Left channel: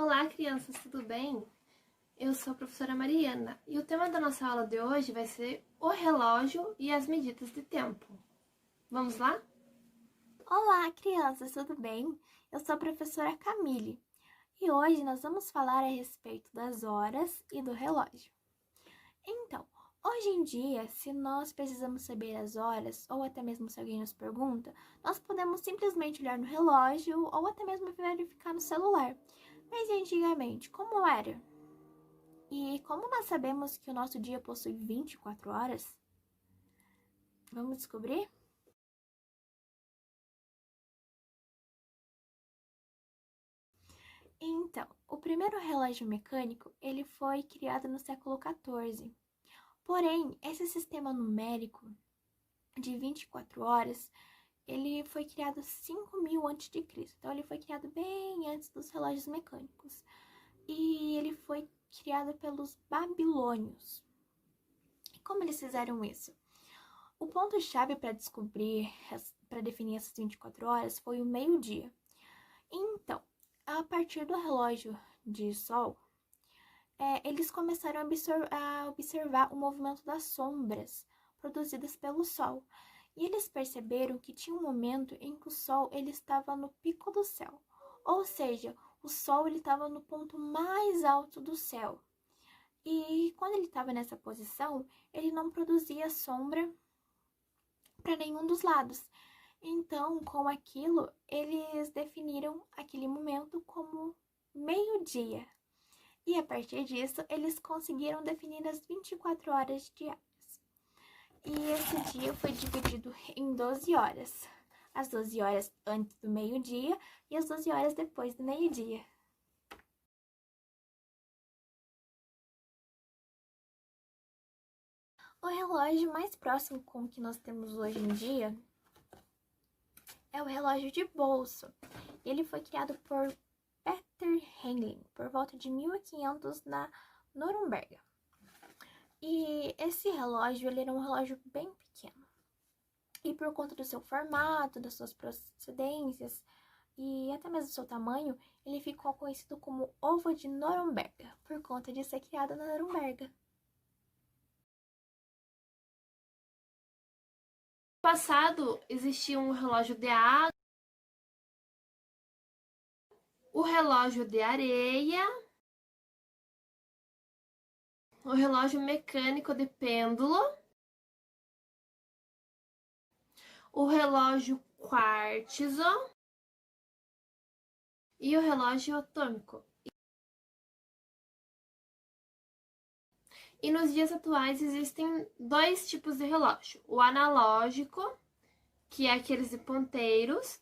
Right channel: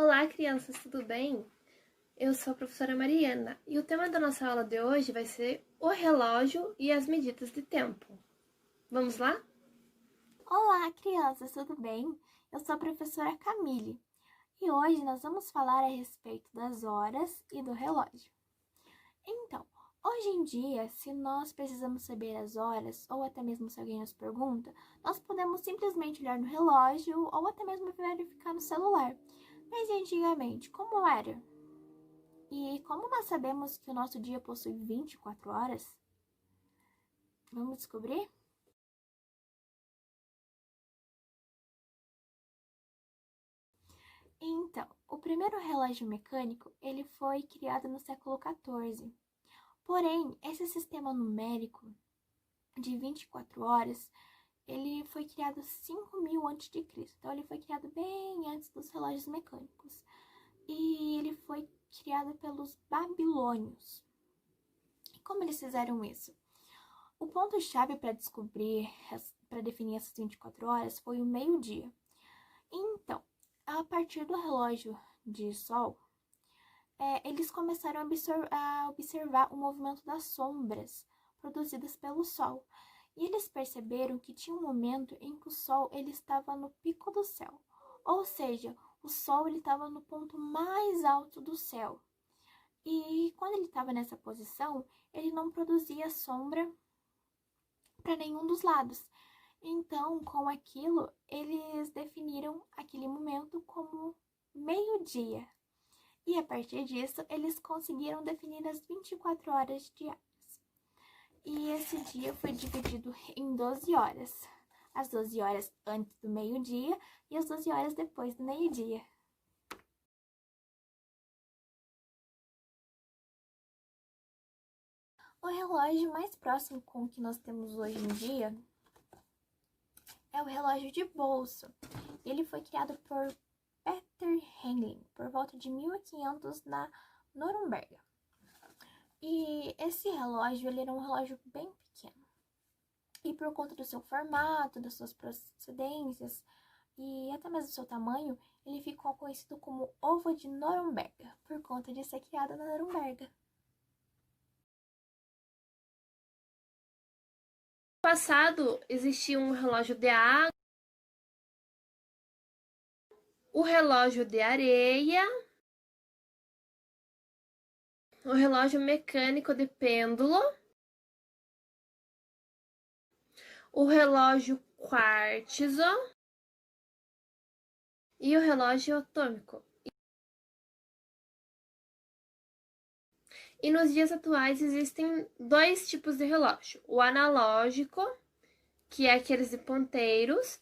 Olá, crianças, tudo bem? Eu sou a professora Mariana e o tema da nossa aula de hoje vai ser o relógio e as medidas de tempo. Vamos lá? Olá, crianças, tudo bem? Eu sou a professora Camille e hoje nós vamos falar a respeito das horas e do relógio. Então, hoje em dia, se nós precisamos saber as horas, ou até mesmo se alguém nos pergunta, nós podemos simplesmente olhar no relógio ou até mesmo verificar no celular. Mas antigamente, como era? E como nós sabemos que o nosso dia possui 24 horas? Vamos descobrir? Então, o primeiro relógio mecânico, ele foi criado no século XIV. Porém, esse sistema numérico de 24 horas, ele foi criado 5.000 a.C. Então, ele foi criado bem antes dos relógios mecânicos. E ele foi criado pelos babilônios. E como eles fizeram isso? O ponto-chave para definir essas 24 horas foi o meio-dia. Então, a partir do relógio de sol, eles começaram a observar o movimento das sombras produzidas pelo Sol. E eles perceberam que tinha um momento em que o Sol ele estava no pico do céu. Ou seja, o Sol ele estava no ponto mais alto do céu. E quando ele estava nessa posição, ele não produzia sombra para nenhum dos lados. Então, com aquilo, eles definiram aquele momento como meio-dia. E a partir disso, eles conseguiram definir as 24 horas diárias. E esse dia foi dividido em 12 horas. As 12 horas antes do meio-dia e as 12 horas depois do meio-dia. O relógio mais próximo com o que nós temos hoje em dia é o relógio de bolso. Ele foi criado por Peter Hengling por volta de 1500 na Noruega. E esse relógio, ele era um relógio bem pequeno. E por conta do seu formato, das suas procedências e até mesmo do seu tamanho, ele ficou conhecido como ovo de Noruega, por conta de ser criado na Noruega. No passado, existia um relógio de água, o relógio de areia, o relógio mecânico de pêndulo, o relógio quartzo e o relógio atômico. E nos dias atuais existem dois tipos de relógio: o analógico, que é aqueles de ponteiros,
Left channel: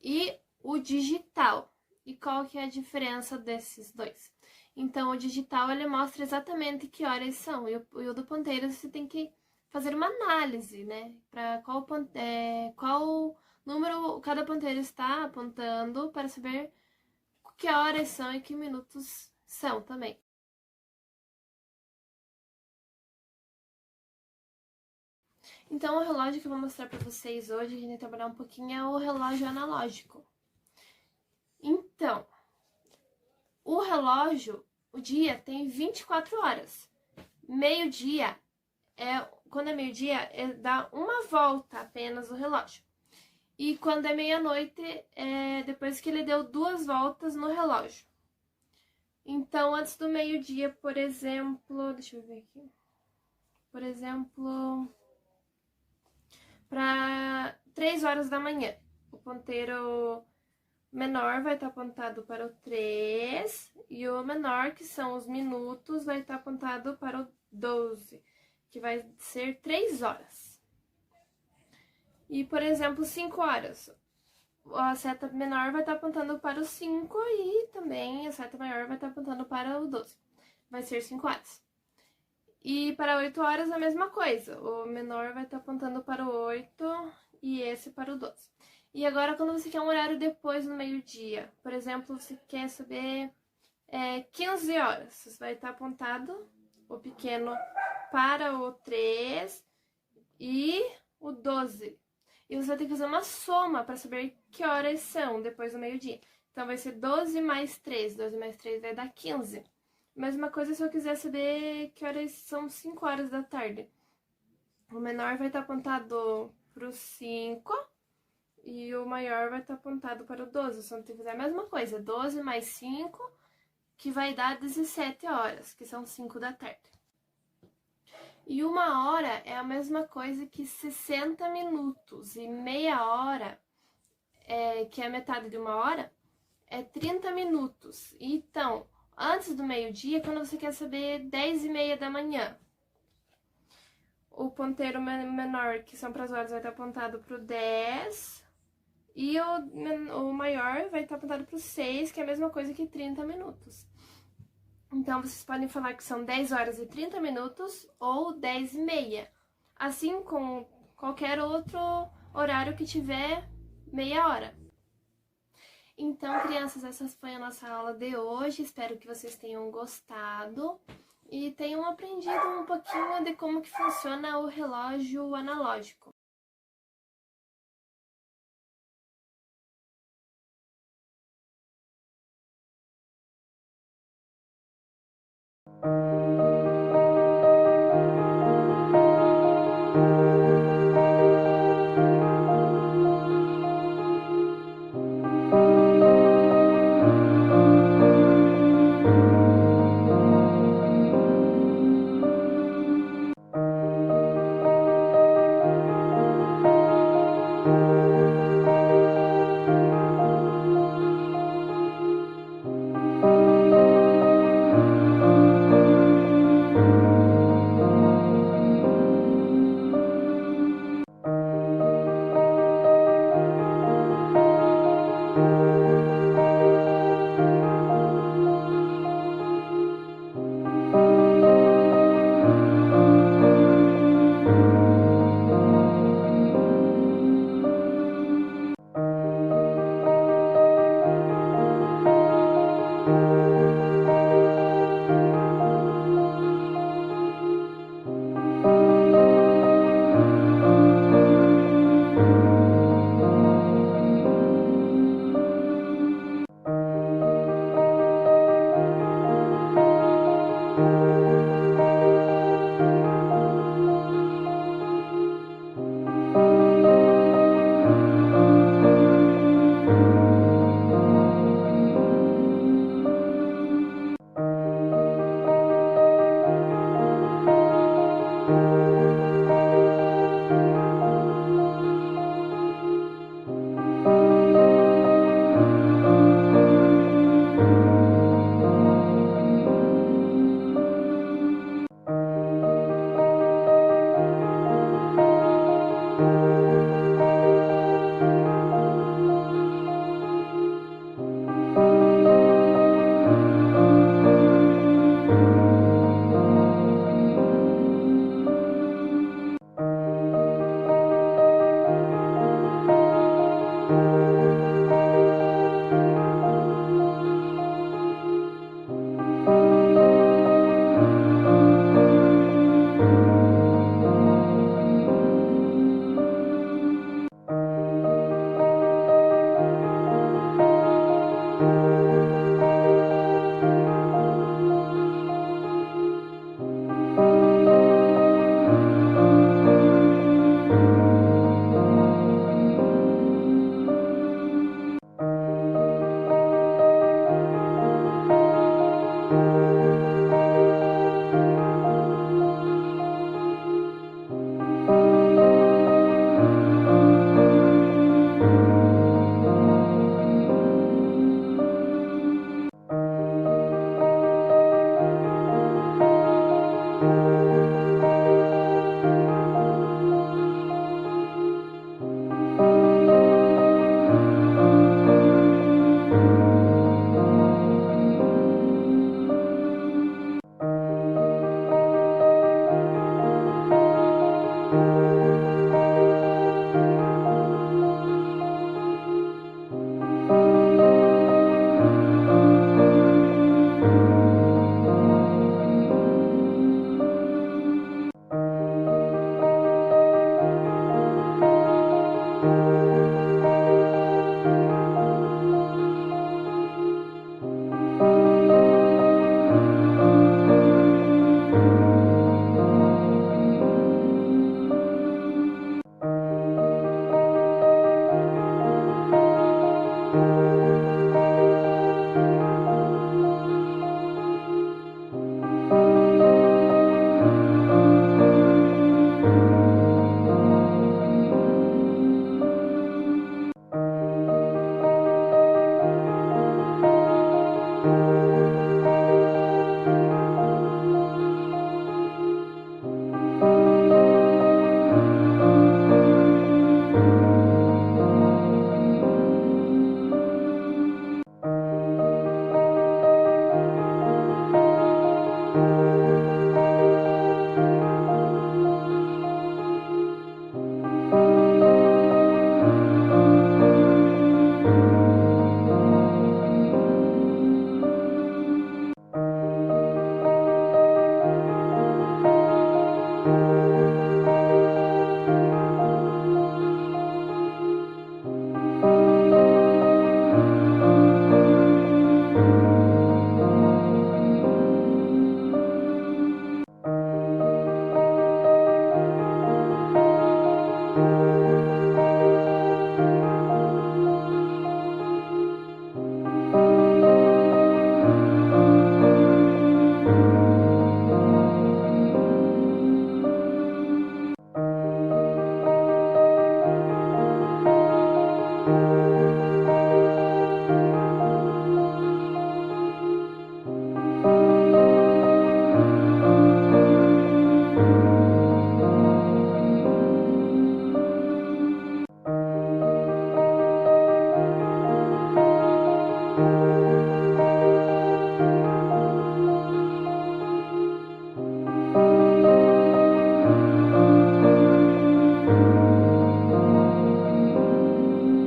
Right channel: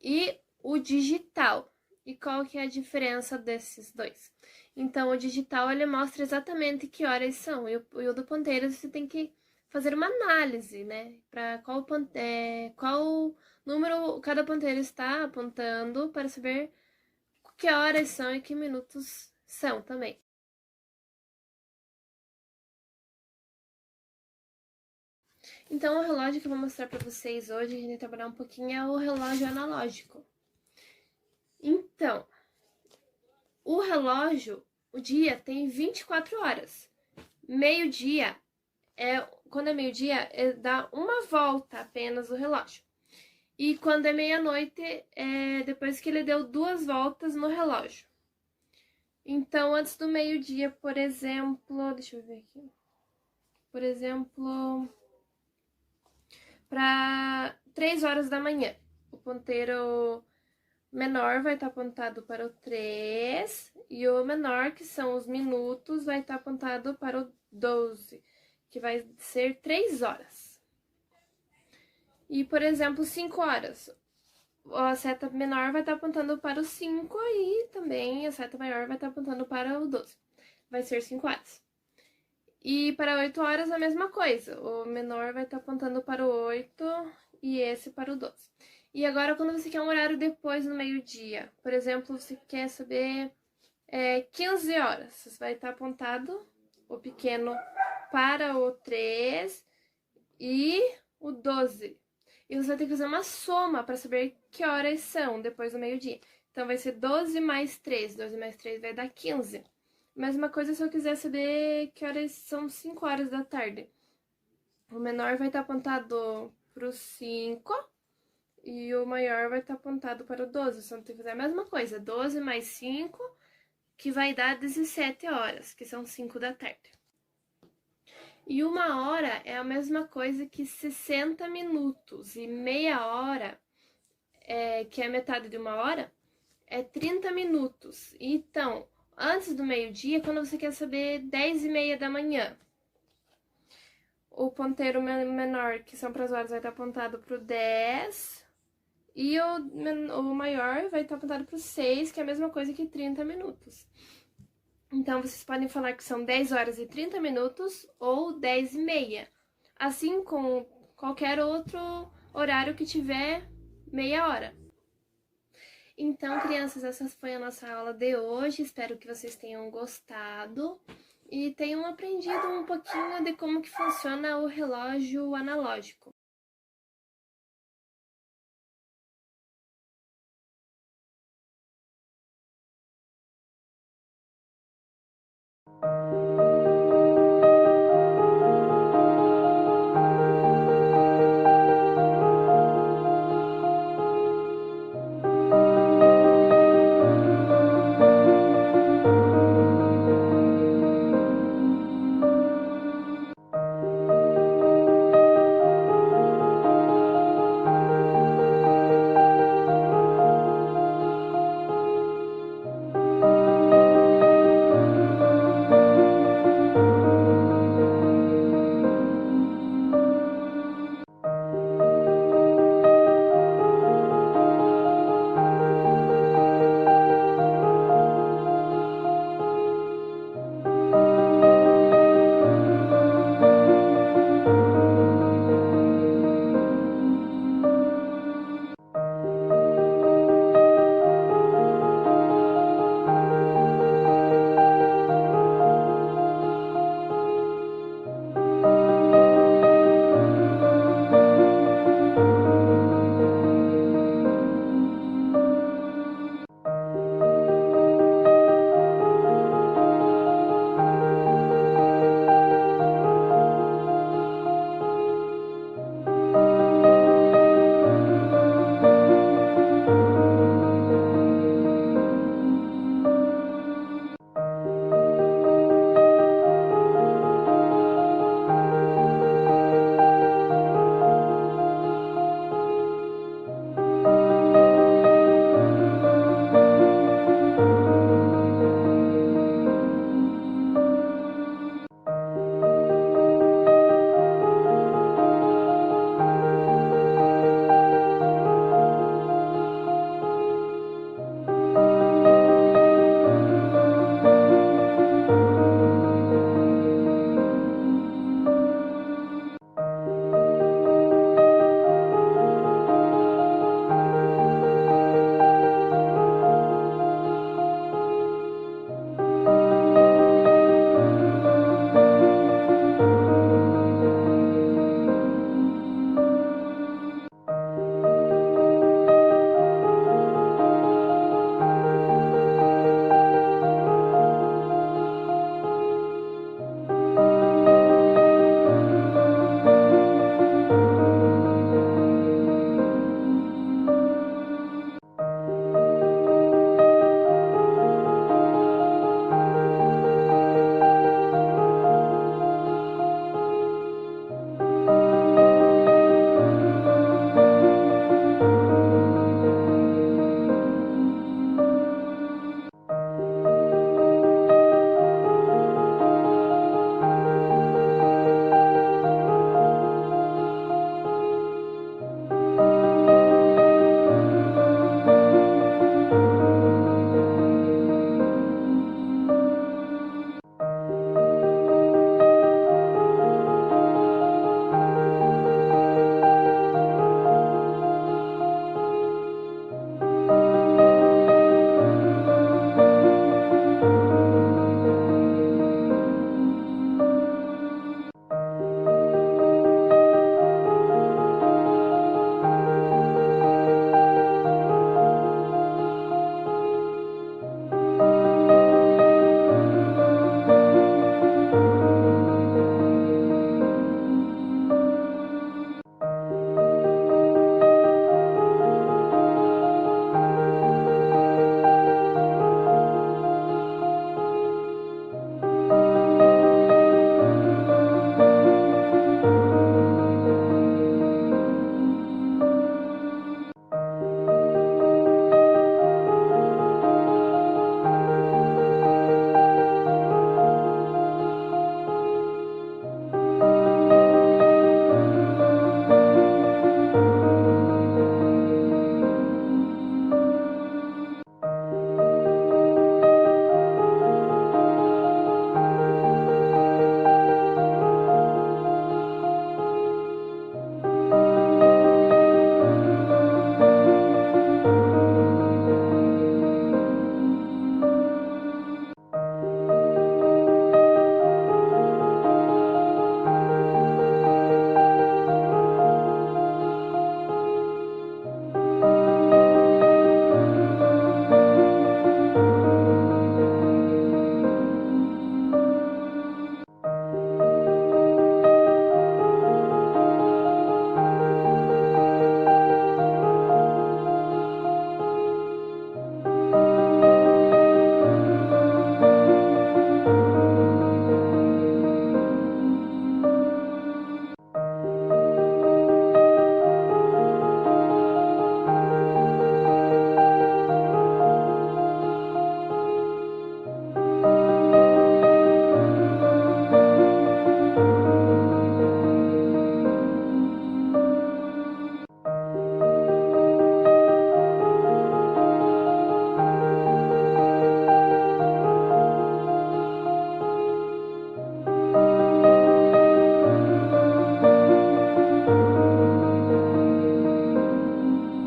e o digital. E qual que é a diferença desses dois? Então, o digital ele mostra exatamente que horas são, e o do ponteiro você tem que fazer uma análise, né? Para qual número cada ponteiro está apontando para saber que horas são e que minutos são também. Então, o relógio que eu vou mostrar para vocês hoje, a gente vai trabalhar um pouquinho, é o relógio analógico. Então, o relógio, o dia tem 24 horas. Meio-dia, quando é meio-dia, dá uma volta apenas o relógio. E quando é meia-noite, depois que ele deu 2 voltas no relógio. Então, antes do meio-dia, por exemplo, deixa eu ver aqui. Por exemplo, para 3 horas da manhã, o ponteiro menor vai estar apontado para o 3 e o menor, que são os minutos, vai estar apontado para o 12, que vai ser 3 horas. E, por exemplo, 5 horas, a seta menor vai estar apontando para o 5 e também a seta maior vai estar apontando para o 12. Vai ser 5 horas. E para 8 horas a mesma coisa, o menor vai estar apontando para o 8 e esse para o 12. E agora, quando você quer um horário depois do meio-dia, por exemplo, você quer saber 15 horas, você vai estar apontado o pequeno para o 3 e o 12. E você vai ter que fazer uma soma para saber que horas são depois do meio-dia. Então, vai ser 12 mais 3. 12 mais 3 vai dar 15. Mesma coisa se eu quiser saber que horas são 5 horas da tarde. O menor vai estar apontado para o 5 e o maior vai estar apontado para o 12. Só tem que fazer a mesma coisa. 12 mais 5, que vai dar 17 horas, que são 5 da tarde. E 1 hora é a mesma coisa que 60 minutos. E meia hora, que é metade de 1 hora, é 30 minutos. Então, antes do meio-dia, quando você quer saber 10h30 da manhã, o ponteiro menor, que são para as horas, vai estar apontado para o 10. E o maior vai estar apontado para o 6, que é a mesma coisa que 30 minutos. Então, vocês podem falar que são 10 horas e 30 minutos ou 10h30. Assim com qualquer outro horário que tiver meia hora. Então, crianças, essa foi a nossa aula de hoje. Espero que vocês tenham gostado e tenham aprendido um pouquinho de como que funciona o relógio analógico.